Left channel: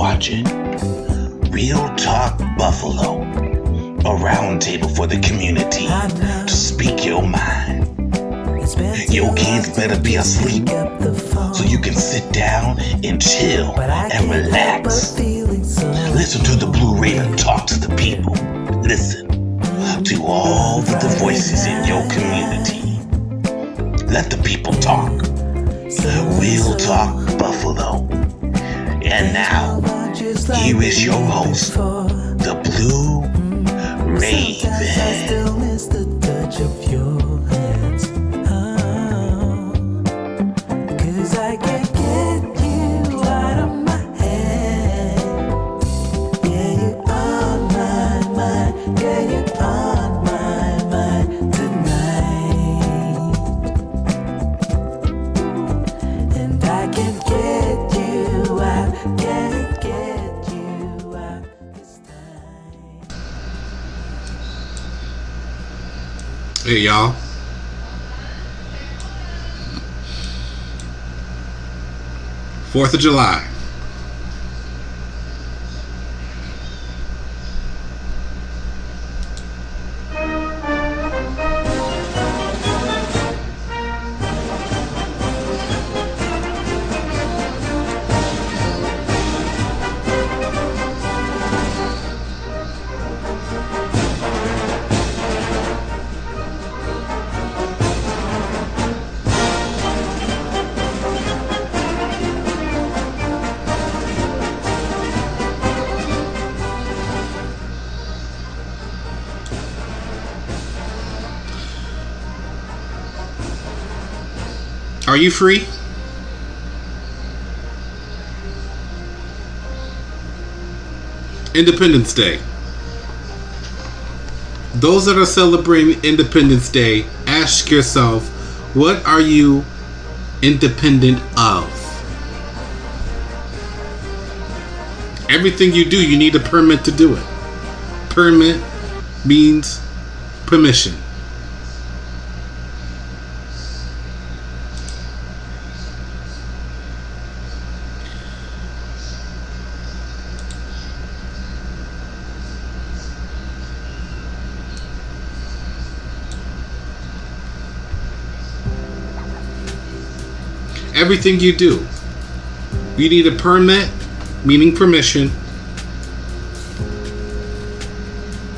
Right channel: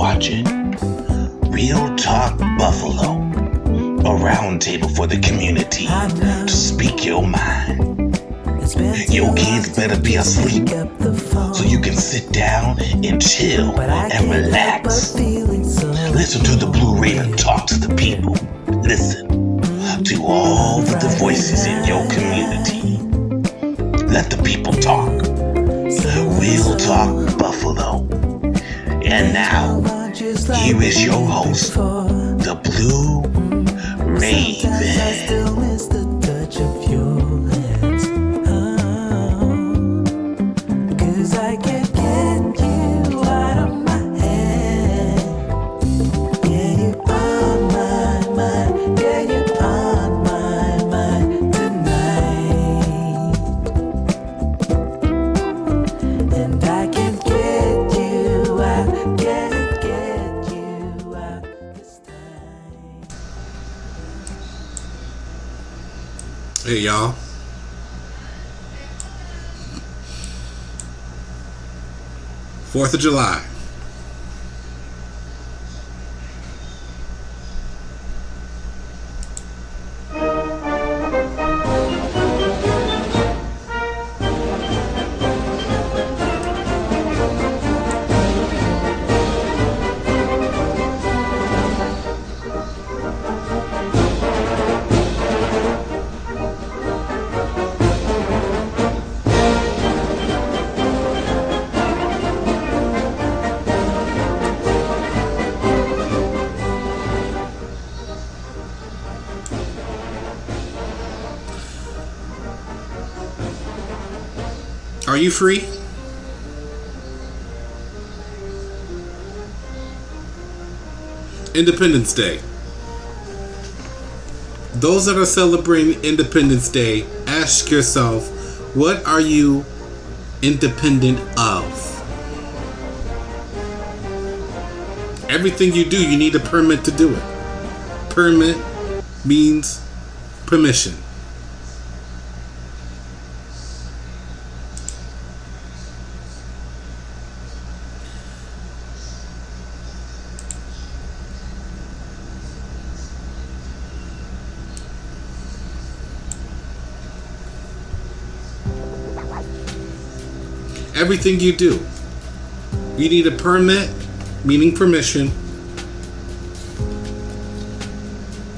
watching Real Talk Buffalo, a roundtable for the community to speak your mind. Your kids better be asleep so you can sit down and chill and relax. Listen to the Blue Raven talk to the people. Listen to all the voices in your community. Let the people talk. Real Talk Buffalo. And now, here is your host, the Blue Raven. Hey y'all. Fourth of July. Are you free? Independence Day. Those that are celebrating Independence Day, ask yourself, what are you independent of? Everything you do, you need a permit to do it. Permit means permission. Everything you do, you need a permit, meaning permission,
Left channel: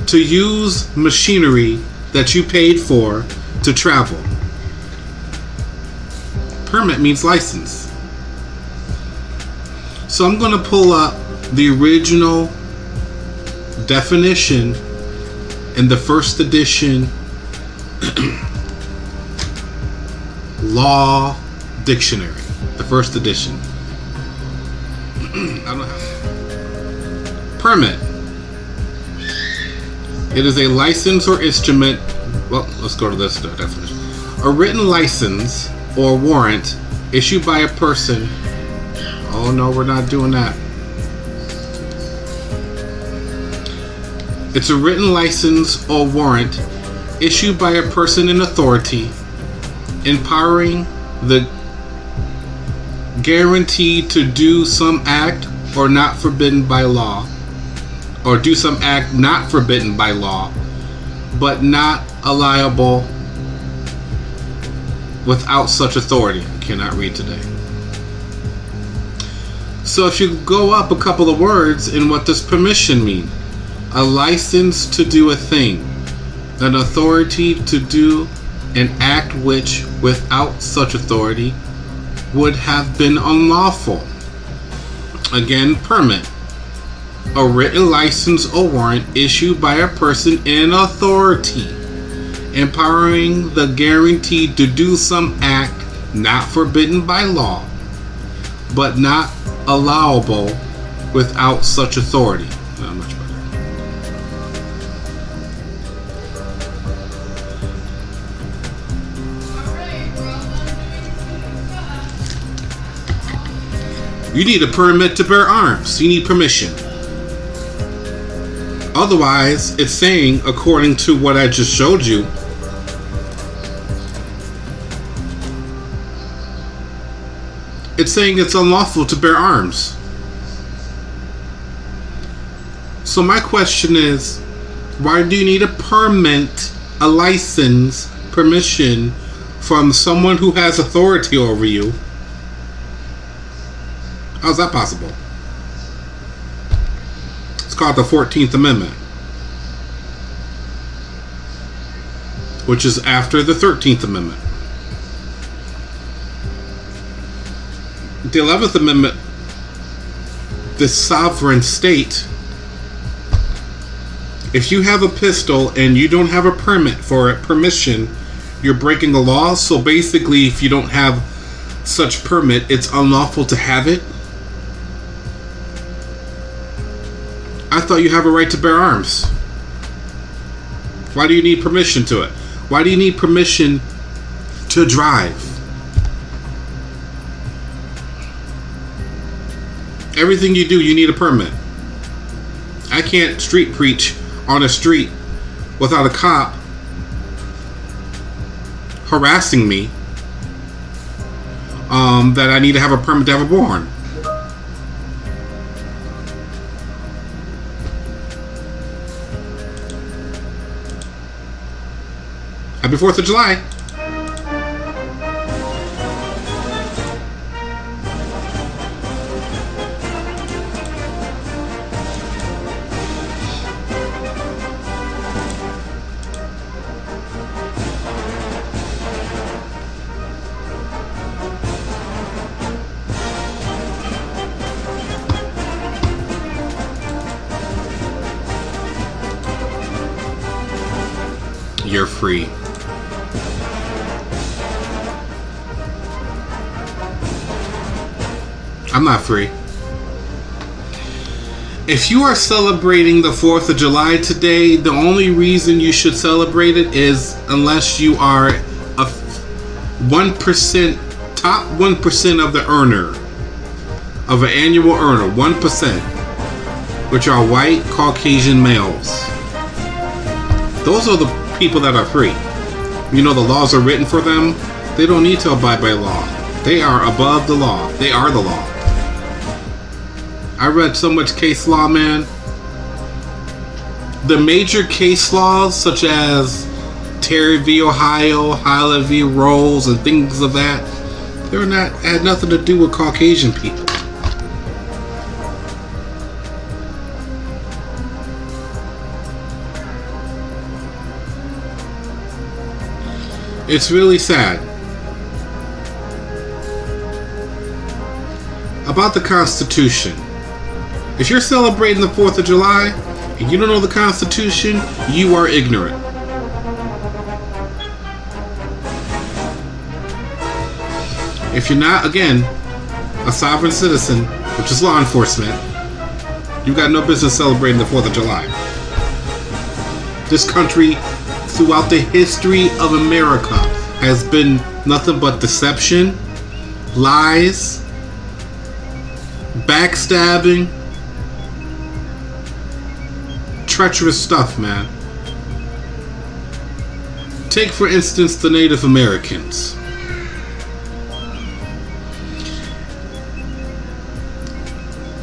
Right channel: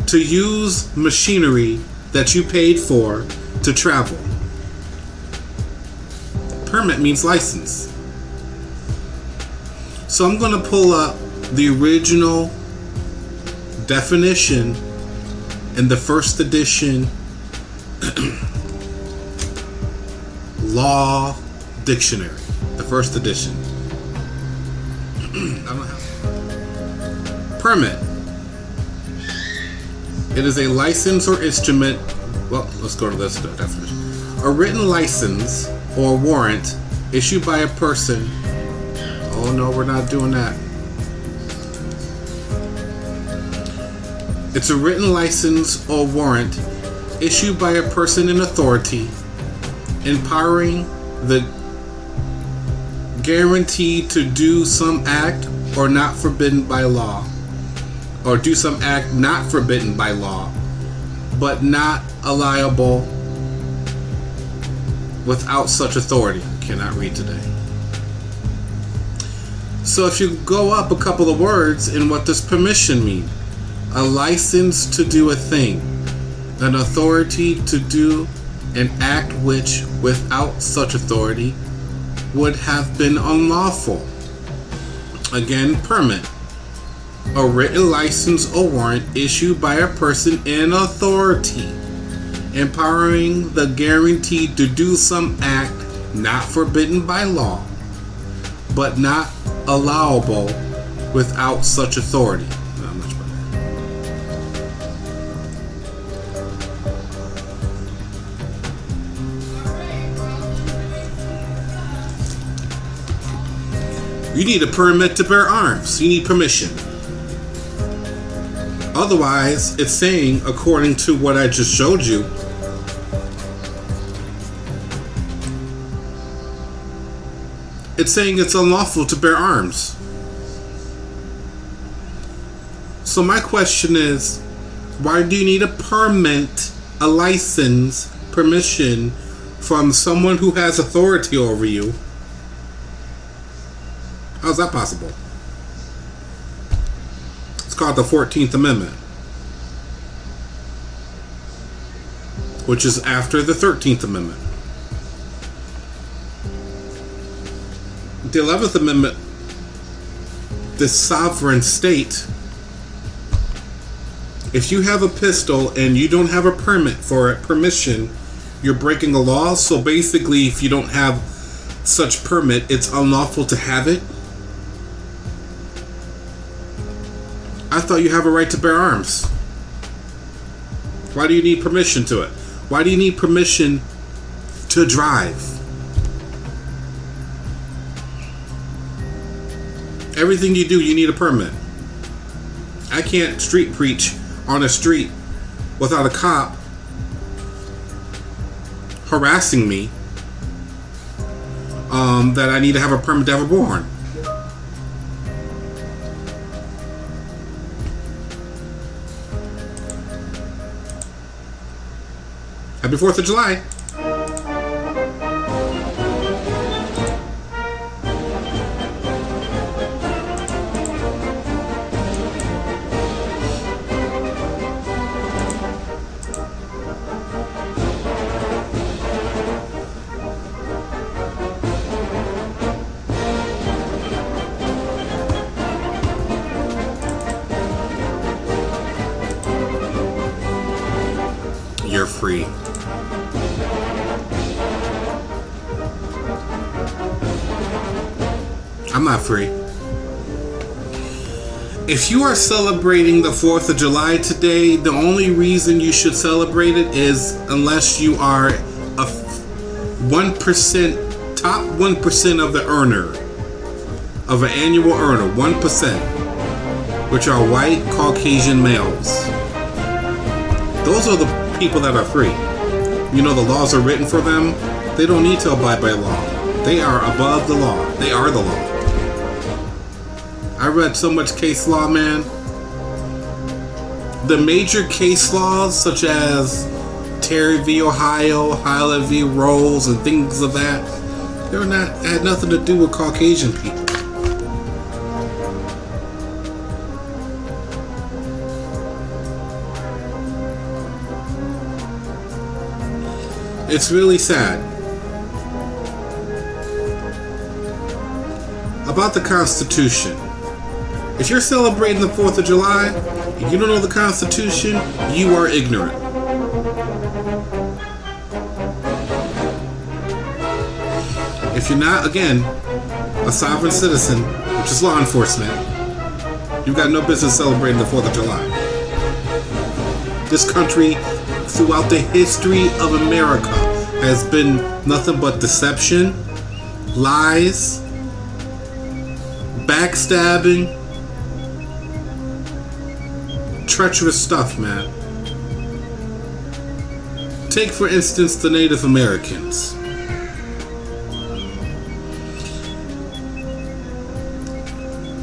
to use machinery that you paid for to travel. Permit means license. So I'm going to pull up the original definition in the first edition Law Dictionary. The first edition. Permit. It is a license or instrument. Well, let's go to this definition. A written license or warrant issued by a person. Oh no, we're not doing that. It's a written license or warrant issued by a person in authority, empowering the guaranteed to do some act or not forbidden by law, or do some act not forbidden by law, but not allowable without such authority. Cannot read today. So if you go up a couple of words in what does permission mean? A license to do a thing, an authority to do an act which without such authority would have been unlawful. Again, permit. A written license or warrant issued by a person in authority, empowering the guarantee to do some act not forbidden by law, but not allowable without such authority. You need a permit to bear arms. You need permission. Otherwise, it's saying, according to what I just showed you, it's saying it's unlawful to bear arms. So my question is, why do you need a permit, a license, permission from someone who has authority over you? How's that possible? It's called the 14th Amendment, which is after the 13th Amendment. The 11th Amendment, this sovereign state, if you have a pistol and you don't have a permit for it, permission, you're breaking the law. So basically, if you don't have such permit, it's unlawful to have it. I thought you have a right to bear arms. Why do you need permission to it? Why do you need permission to drive? Everything you do, you need a permit. I can't street preach on a street without a cop harassing me that I need to have a permit to have a bullhorn. Happy 4th of July. You're free. I'm not free. If you are celebrating the 4th of July today, the only reason you should celebrate it is unless you are a 1%, top 1% of the earner, of an annual earner, 1%, which are white Caucasian males. Those are the people that are free. You know, the laws are written for them. They don't need to abide by law. They are above the law. They are the law. I read so much case law, man. The major case laws, such as Terry v. Ohio, Hyla v. Rose, and things of that, had nothing to do with Caucasian people. It's really sad. About the Constitution. If you're celebrating the 4th of July and you don't know the Constitution, you are ignorant. If you're not, again, a sovereign citizen, just law enforcement, you got no business celebrating the 4th of July. This country, throughout the history of America, has been nothing but deception, lies, backstabbing, treacherous stuff, man. Take, for instance, the Native Americans.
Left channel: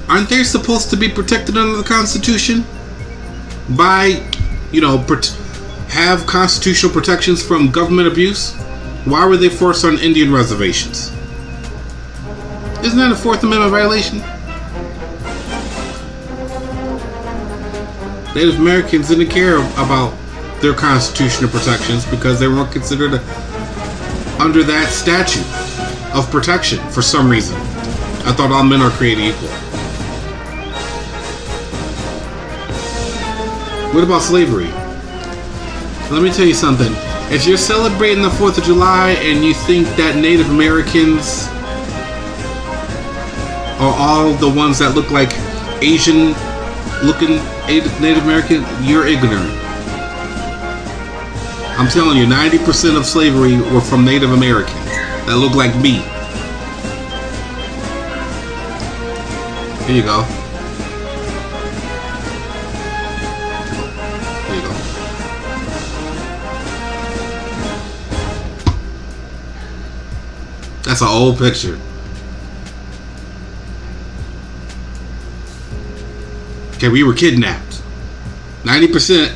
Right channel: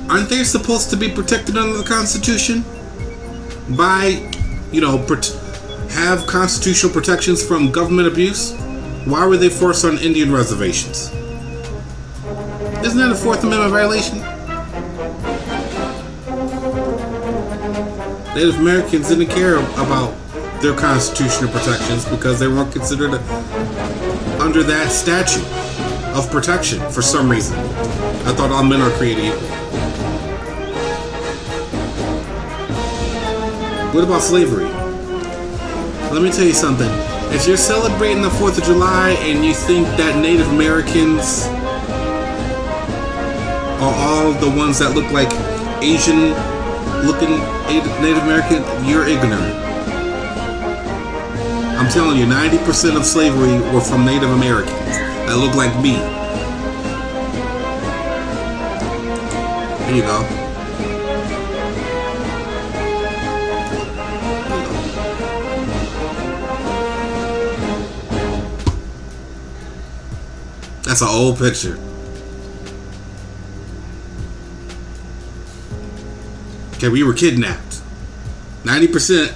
Aren't they supposed to be protected under the Constitution? By, have constitutional protections from government abuse? Why were they forced on Indian reservations? Isn't that a 4th Amendment violation? Native Americans didn't care about their constitutional protections because they weren't considered under that statute of protection for some reason. I thought all men are created equal. What about slavery? Let me tell you something. If you're celebrating the 4th of July and you think that Native Americans are all the ones that look like Asian-looking Native American, you're ignorant. I'm telling you, 90% of slavery were from Native Americans that look like me. There you go. That's an old picture. Okay, we were kidnapped. 90%,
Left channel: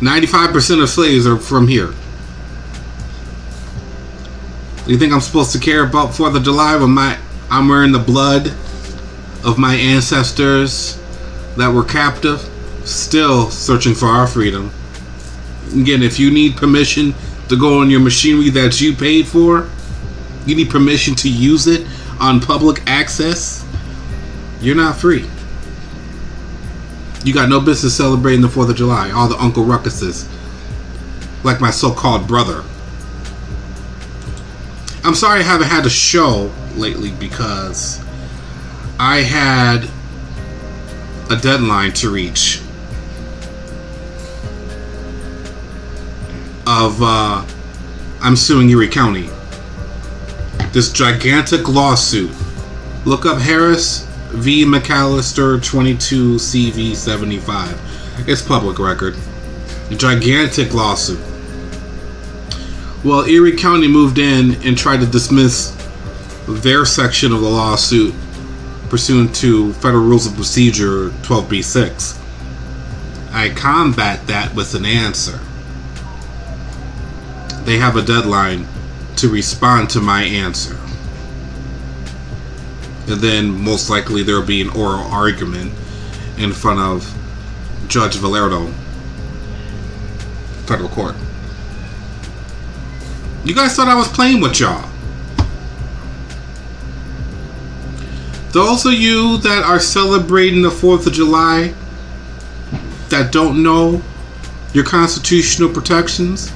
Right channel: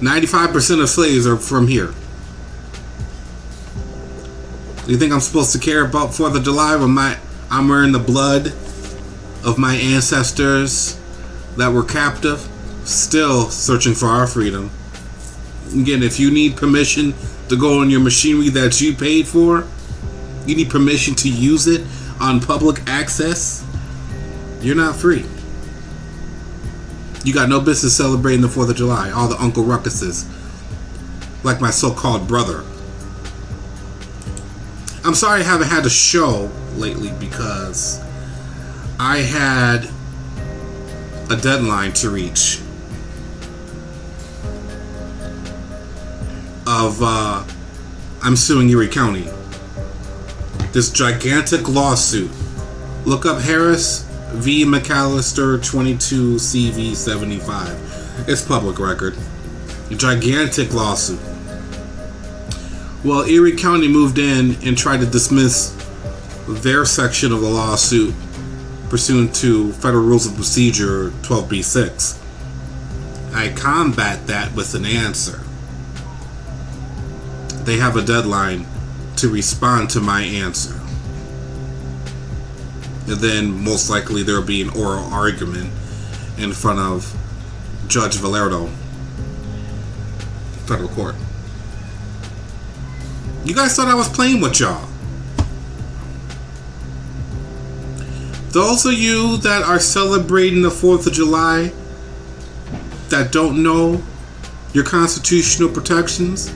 95% of slaves are from here. You think I'm supposed to care about 4th of July when I'm wearing the blood of my ancestors that were captive, still searching for our freedom? Again, if you need permission to go on your machinery that you paid for, you need permission to use it on public access, you're not free. You got no business celebrating the 4th of July, all the Uncle Ruckuses, like my so-called brother. I'm sorry I haven't had a show lately because I had a deadline to reach of I'm suing Erie County. This gigantic lawsuit. Look up Harris v. McAllister 22 CV 75. It's public record. A gigantic lawsuit. Well, Erie County moved in and tried to dismiss their section of the lawsuit pursuant to Federal Rules of Procedure 12b-6. I combat that with an answer. They have a deadline to respond to my answer. And then most likely there will be an oral argument in front of Judge Valerdo, federal court. You guys thought I was playing with y'all. Those of you that are celebrating the 4th of July that don't know your constitutional protections,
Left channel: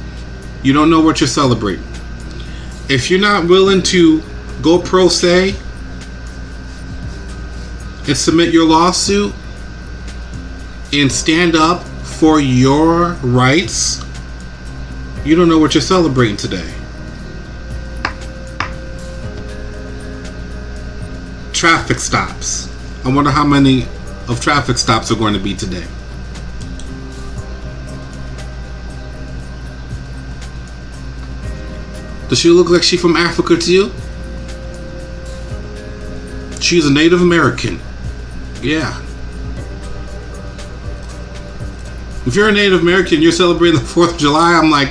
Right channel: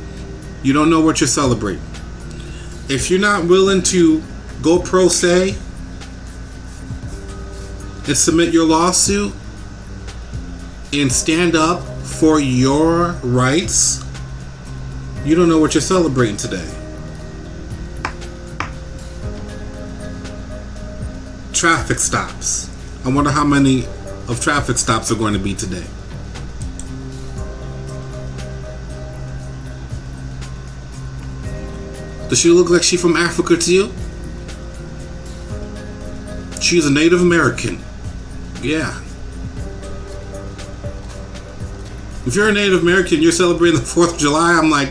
you don't know what you're celebrating. If you're not willing to go pro se and submit your lawsuit and stand up for your rights, you don't know what you're celebrating today. Traffic stops. I wonder how many of traffic stops are going to be today. Does she look like she's from Africa to you? She's a Native American. Yeah. If you're a Native American, you're celebrating the 4th of July, I'm like,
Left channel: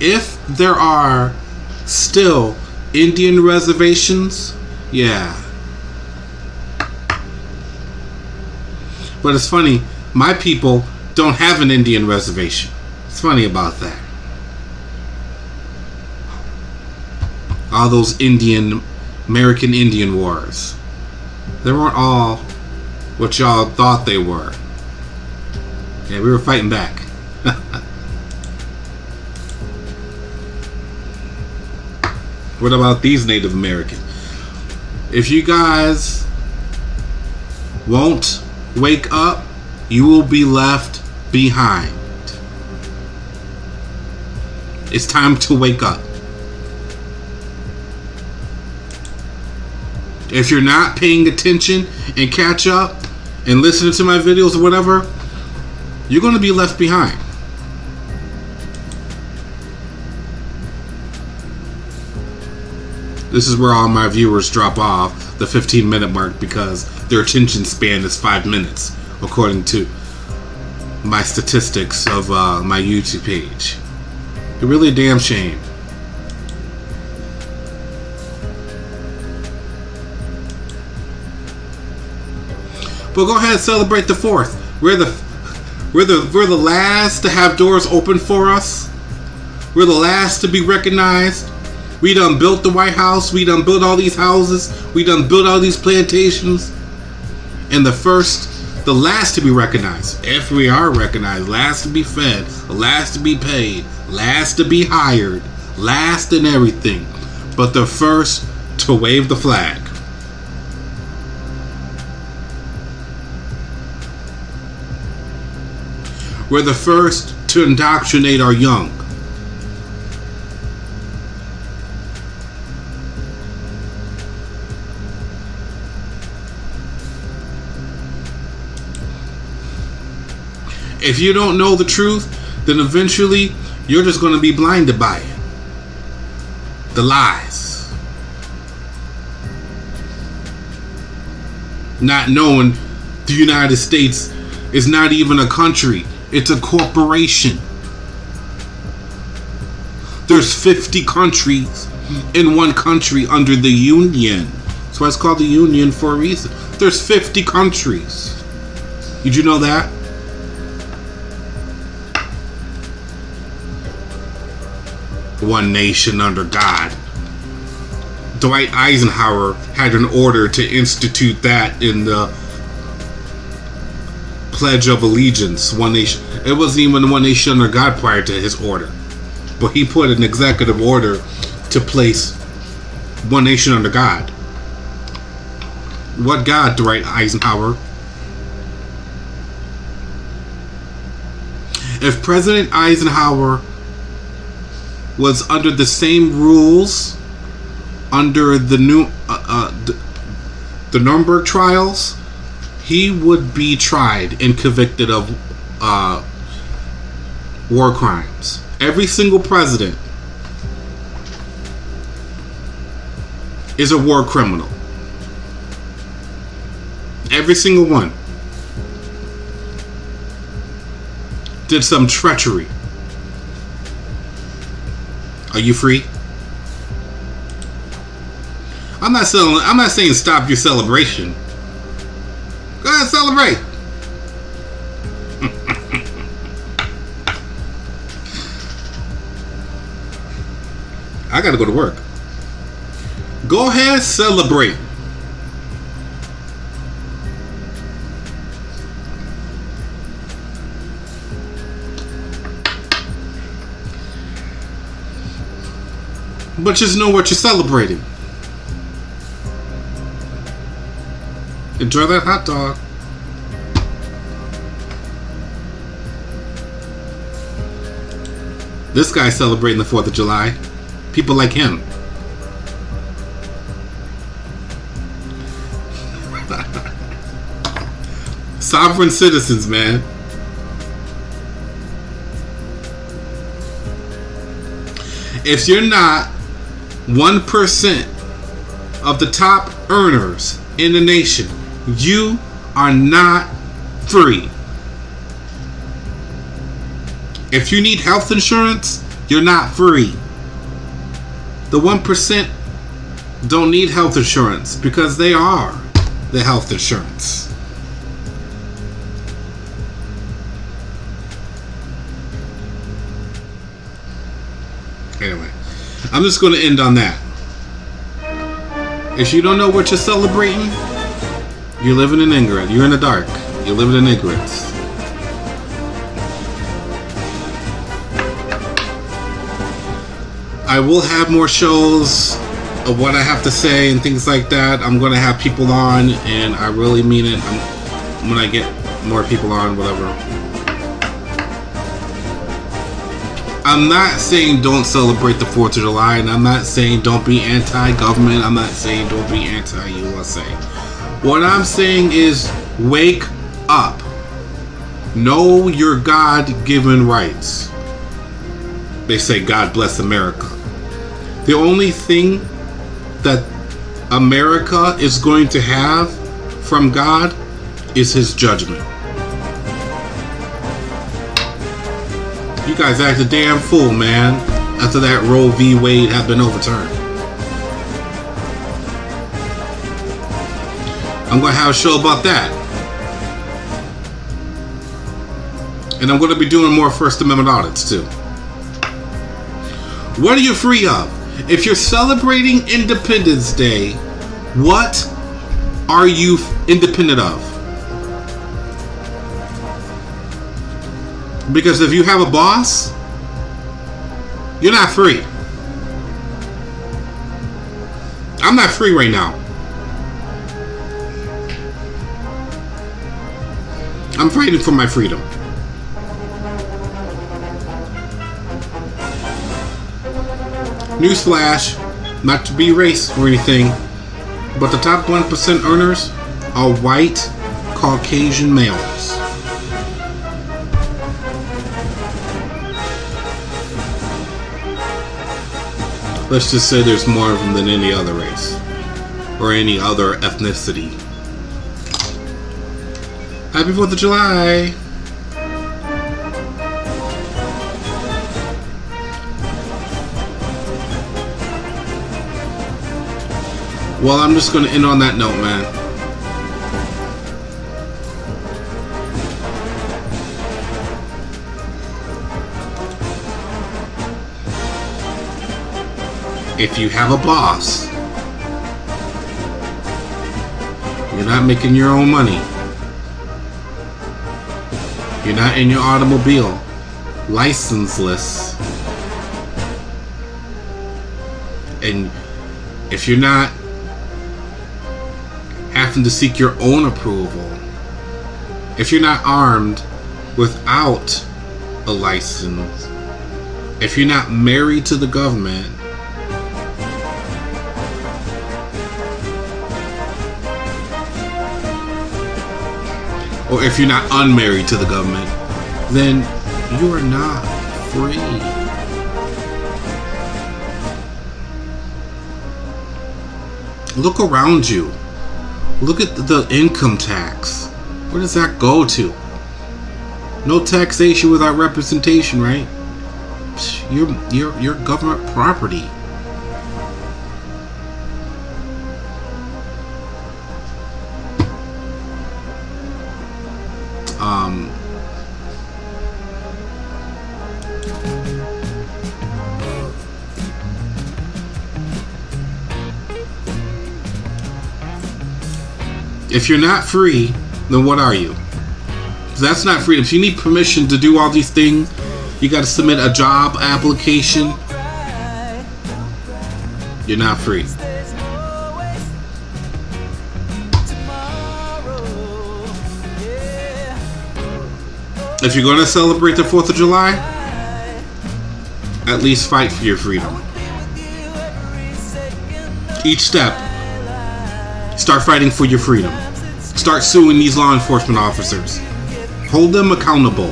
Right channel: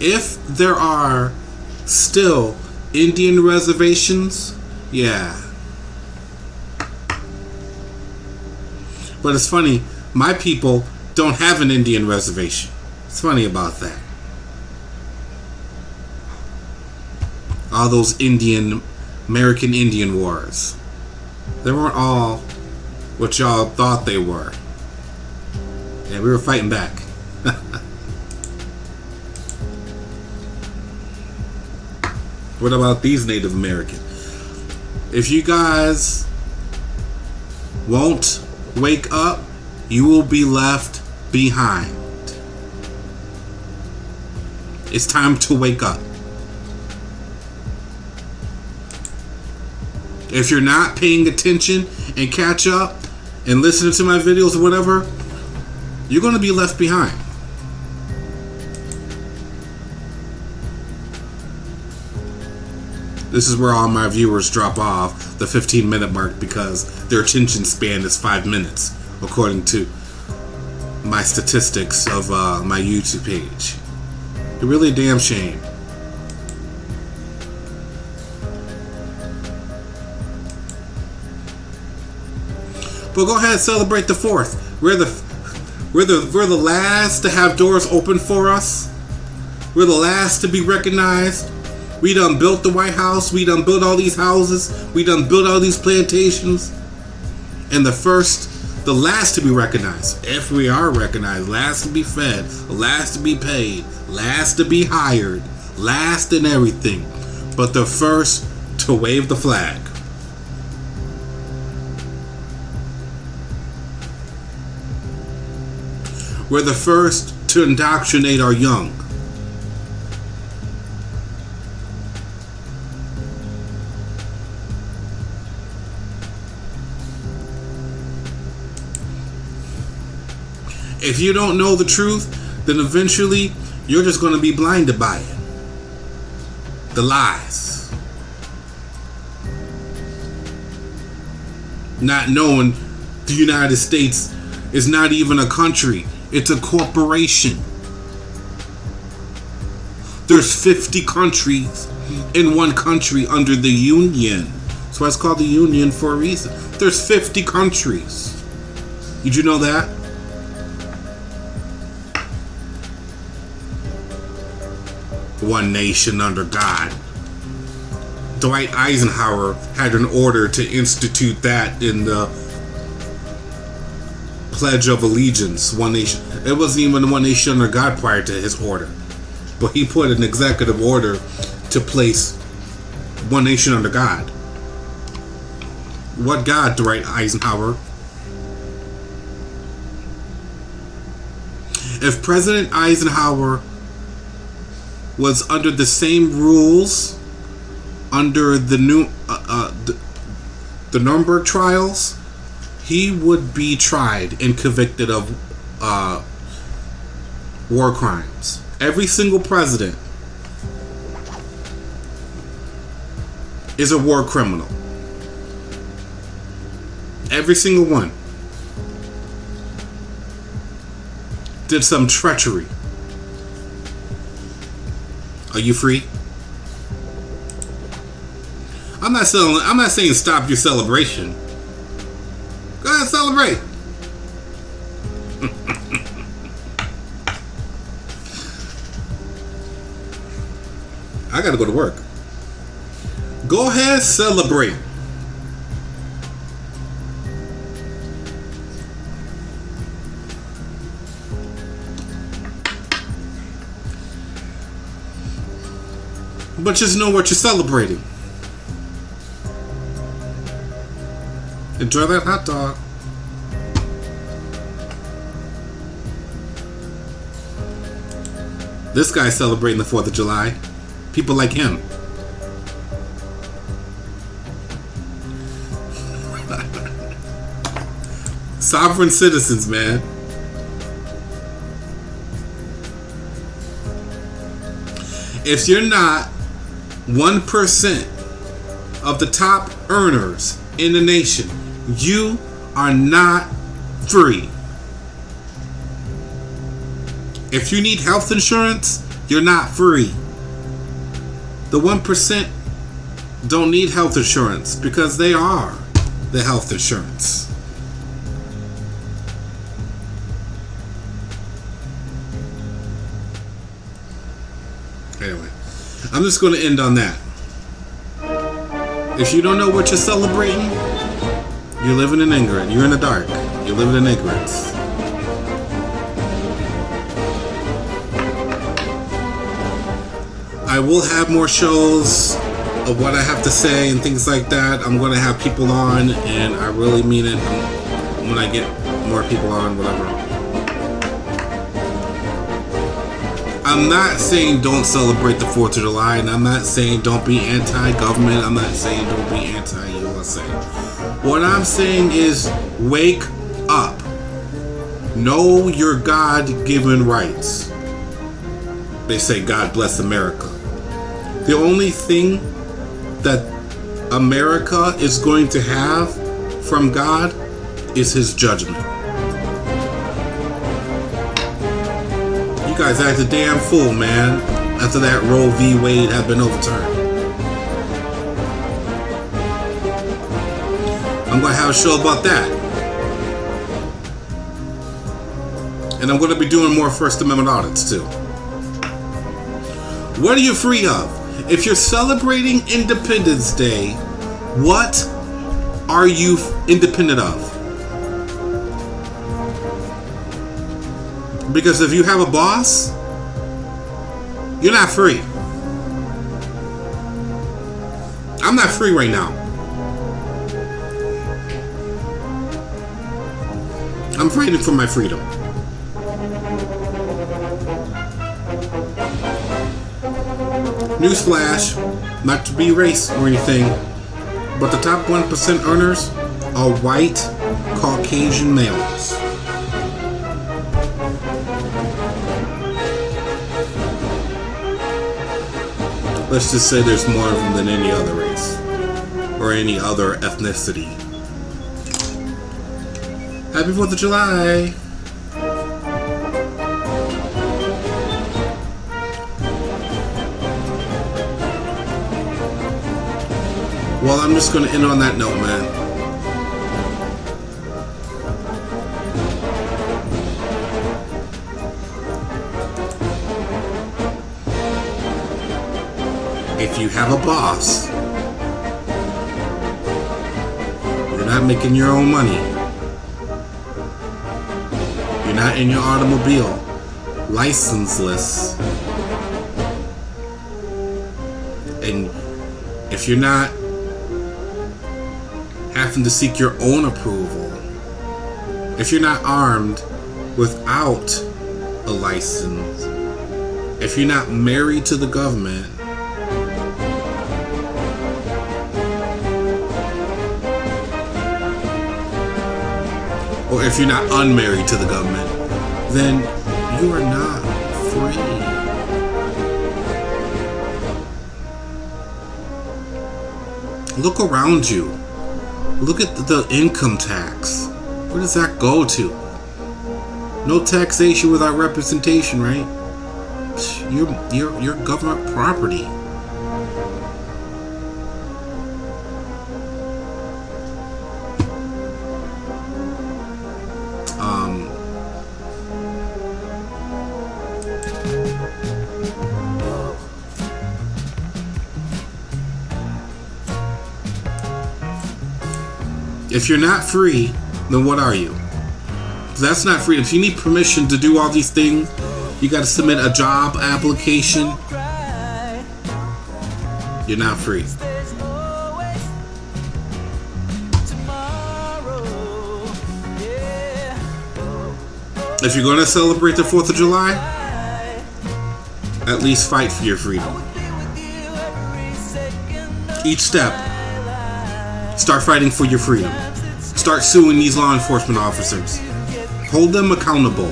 if there are still Indian reservations, yeah. But it's funny, my people don't have an Indian reservation. It's funny about that. All those American Indian wars. They weren't all what y'all thought they were. Yeah, we were fighting back. What about these Native Americans? If you guys won't wake up, you will be left behind. It's time to wake up. If you're not paying attention and catch up and listening to my videos or whatever, you're going to be left behind. This is where all my viewers drop off the 15-minute mark because their attention span is 5 minutes, according to my statistics of my YouTube page. It's really a damn shame. But go ahead and celebrate the 4th. We're the last to have doors open for us. We're the last to be recognized. We done built the White House. We done built all these houses. We done built all these plantations. And the last to be recognized. If we are recognized, last to be fed, last to be paid, last to be hired, last in everything, but the first to wave the flag. We're the first to indoctrinate our young. If you don't know the truth, then eventually you're just going to be blinded by it. The lies. not knowing the United States is not even a country. It's a corporation. There's 50 countries in one country under the Union. That's why it's called the Union for a reason. There's 50 countries. Did you know that? One nation under God. Dwight Eisenhower had an order to institute that in the Pledge of Allegiance. One nation. It wasn't even one nation under God prior to his order. But he put an executive order to place one nation under God. What God, Dwight Eisenhower? If President Eisenhower was under the same rules under the new the Nuremberg trials, he would be tried and convicted of war crimes. Every single president is a war criminal. Every single one did some treachery. Are you free? I'm not saying stop your celebration. Go ahead and celebrate. I gotta go to work. Go ahead, celebrate. But just know what you're celebrating. Enjoy that hot dog. This guy's celebrating the 4th of July. People like him. Sovereign citizens, man. If you're not 1% of the top earners in the nation, you are not free. If you need health insurance, you're not free. The 1% don't need health insurance because they are the health insurance. Anyway, I'm just going to end on that. If you don't know what you're celebrating, you're living in ignorance. You're in the dark. You're living in ignorance. I will have more shows of what I have to say and things like that. I'm going to have people on, and I really mean it when I get more people on. I'm not saying don't celebrate the 4th of July, and I'm not saying don't be anti-government. I'm not saying don't be anti-USA. What I'm saying is wake up. Know your God-given rights. They say God bless America. The only thing that America is going to have from God is his judgment. You guys act a damn fool, man, after that Roe v. Wade had been overturned. I'm going to have a show about that. And I'm going to be doing more First Amendment audits, too. What are you free of? If you're celebrating Independence Day, what are you independent of? Because if you have a boss, you're not free. I'm not free right now. I'm fighting for my freedom. Newsflash, not to be racist or anything, but the top 1% earners are white Caucasian males. Let's just say there's more of them than any other race or any other ethnicity. Happy 4th of July. Well, I'm just going to end on that note, man. If you have a boss, you're not making your own money, you're not in your automobile, licenseless, and if you're not having to seek your own approval, if you're not armed without a license, if you're not married to the government, or if you're not unmarried to the government, then you are not free. Look around you. Look at the income tax. Where does that go to? No taxation without representation, right? You're government property. If you're not free, then what are you? That's not freedom. If you need permission to do all these things, you got to submit a job application. You're not free. If you're going to celebrate the 4th of July, at least fight for your freedom. Each step, start fighting for your freedom. Start suing these law enforcement officers. Hold them accountable.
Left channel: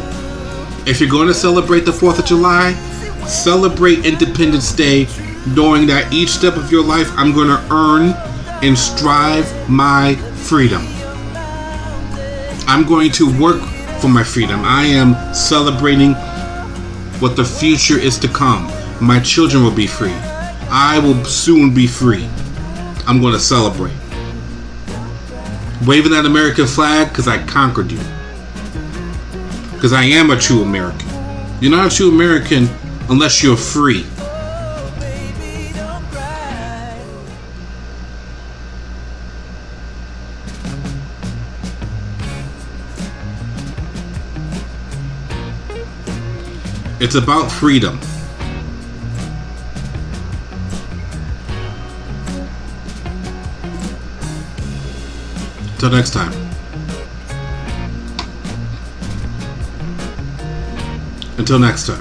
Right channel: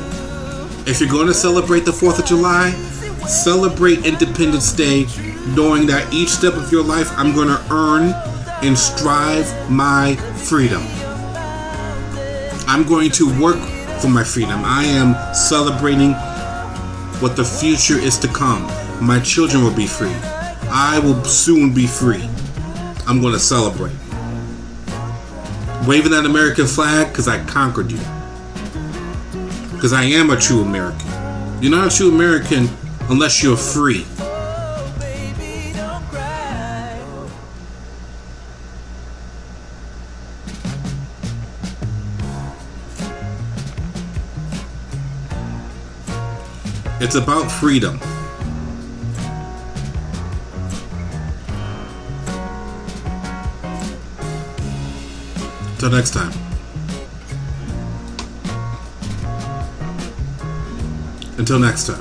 If you're going to celebrate the 4th of July, celebrate Independence Day knowing that each step of your life I'm going to earn and strive my freedom. I'm going to work for my freedom. I am celebrating what the future is to come. My children will be free. I will soon be free. I'm going to celebrate. Waving that American flag because I conquered you. Because I am a true American. You're not a true American unless you're free. Oh, baby, don't cry. It's about freedom. Till next time. Until next time.